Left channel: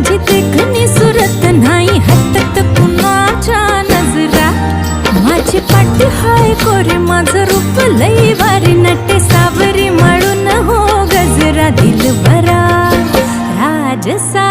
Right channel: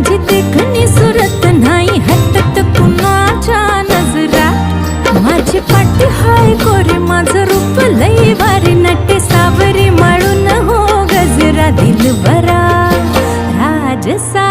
माझी देखणी सुरत नाही हटत कुणाच्या नजरा. माझी पाटी हाय कोरी माझं रूप लई भारी नटे सावरी माळून हो गजरा दिलबरा राजसा.